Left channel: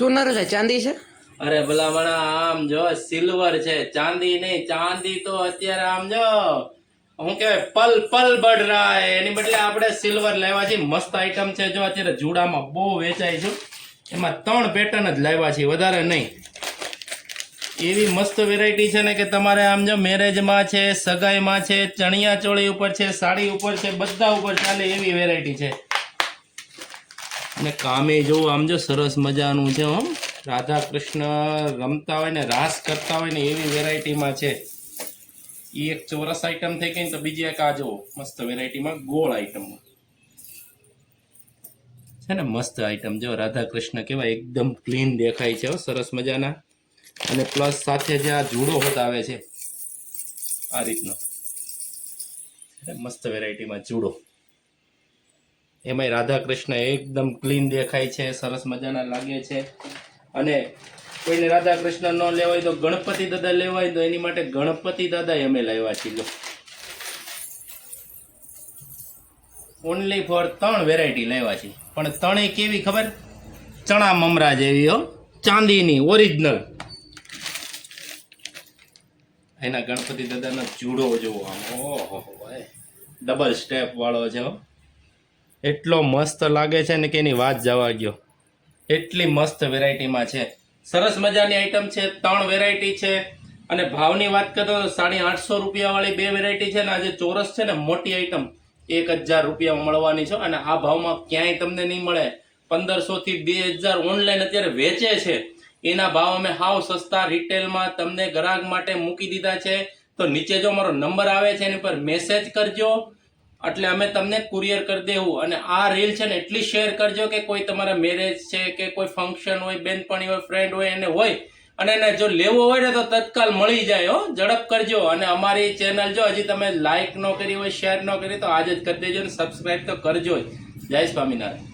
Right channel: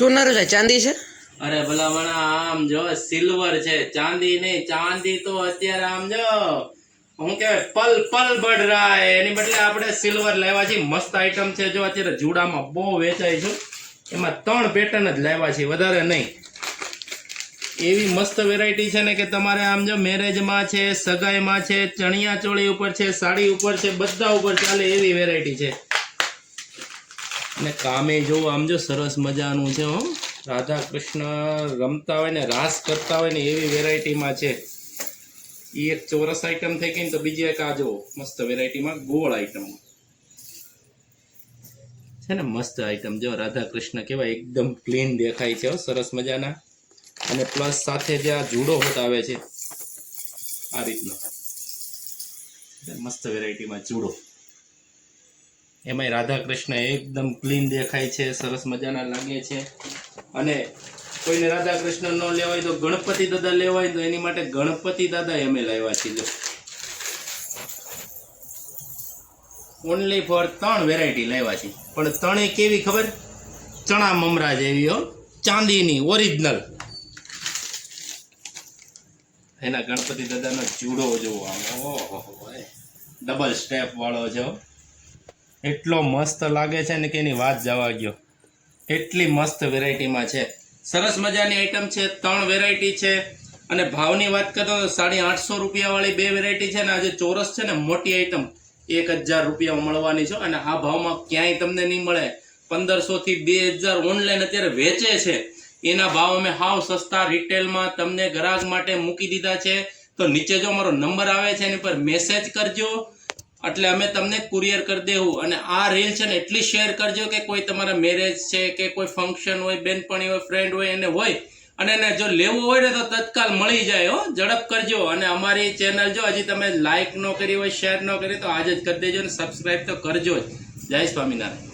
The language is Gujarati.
સોનારું છે ચાંદી છે? અરે ભલામણા આમ જો સિલ્વર છે, ચાંદી નહીં. ચાંદી તો અત્યારે આમ જો હું કે પલ પલ બઢ રહા હે, એની બદલે આપણે સિલ્વર લાવ્યા છીએ. મસ્ત આઈટમ છે. જો અત્યારે જુડામાં બહુ વેચાય છે. એમાં 3 પેટર્ન જ લાવ્યા છીએ, વધારે નહીં. એવી મસ્ત વેરાયટી છે ને કે તમારે આમ જો મેરેજમાં છે, સગાઈમાં છે, ચણિયા ચોળી ઉપર છે, સાડી ઉપર છે, બધા ઉપર ચાલે એવી વેરાયટી છે. અને કામે જો આમ જો સરસ મજાનું છે. હો, રાધા કૃષ્ણ રમતા હોય ને રાસ કરતા હોય ને એવી વેરાયટીમાં છે. એ એક ચોરસ આઈટમ થઈ ગઈ ને, તો બીજી એક આ જો મસ્ત વેરાયટીમાં ગોળ આઈટમમાં છે ને. મસ્ત આઈટમ જો રાધા કૃષ્ણ કેવાય એકદમ ક્લીન દેખાય છે. સરસ મજાના. અને પ્લસ સાથે જે આ જુડો હોત આવે છે આ રીતનો મસ્ત વેરાયટીમાં જુડો, એમાંય રાધા કૃષ્ણ એકદમ ક્લીન દેખાય છે, સરસ મજાના લાગે છે. અને કોઈને રાધા કૃષ્ણ ન લેવા હોય તો ગણપતિ દાદા લેવા હોય તો એની માટે ગણપતિ દાદા અમે લાવ્યા છીએ. ઓનલી ફોર 3 વેરાયટી લાવ્યા છીએ. પણ 3 કેવી ખબર? ચણા મમરા જેવી હો, ચાંદીની ઓરિજિનલ. એના ગણપતિ દાદાનો જુડો જોવો આમ, ઓહો ડબલ સ્ટેપ વાળો છે. એટલો મસ્ત લાગે છે ને કે એની વાત જવા ગયો. એટલી મસ્ત વેરાયટીમાં છે. સરસ મજાની આઈટમ છે. 3 વેરાયટી છે. અને ભાવની વાત કરો તો 850 રૂપિયા વાળી 2 વેરાયટી છે ને. આજે ચોરસ છે ને મોટી આઈટમ 1000 રૂપિયામાં મળવાની છે. અને આ ભાવમાં ક્યાંય તમને નહીં મળે. 1500 થી 2000 ઓનલાઈન અત્યારે વેચે છે. એના ભાવ અમે હાવ સસ્તા રિટેલમાં તમને ગ્રાહક માટે મૂકી દીધા છે. તો નીચે જો મારો નંબર આવે છે એની પર મેસેજ કરજો, એટલે અમે તમને કુરિયર કરી દેવું. અને આ રીલ છે ને એટલી શેર કરજો કે કોઈ તમારા મેરેજ છે કે કોઈ ફંક્શન હોય, બેનપણી હોય, ફ્રેન્ડ હોય, એને હોય અને એને જો લેવો હોય ને તો તત્કાલ મળી જાય. હો, ઝડપ કરજો. અને અમારી ચેનલ જો હજી તમે લાઈક ન કરી હોય, શેર ન કરી તો આજે જ કરી દેજો. અને સબસ્ક્રાઈબ તો કરજો જ. જય સ્વામિનારાયણ.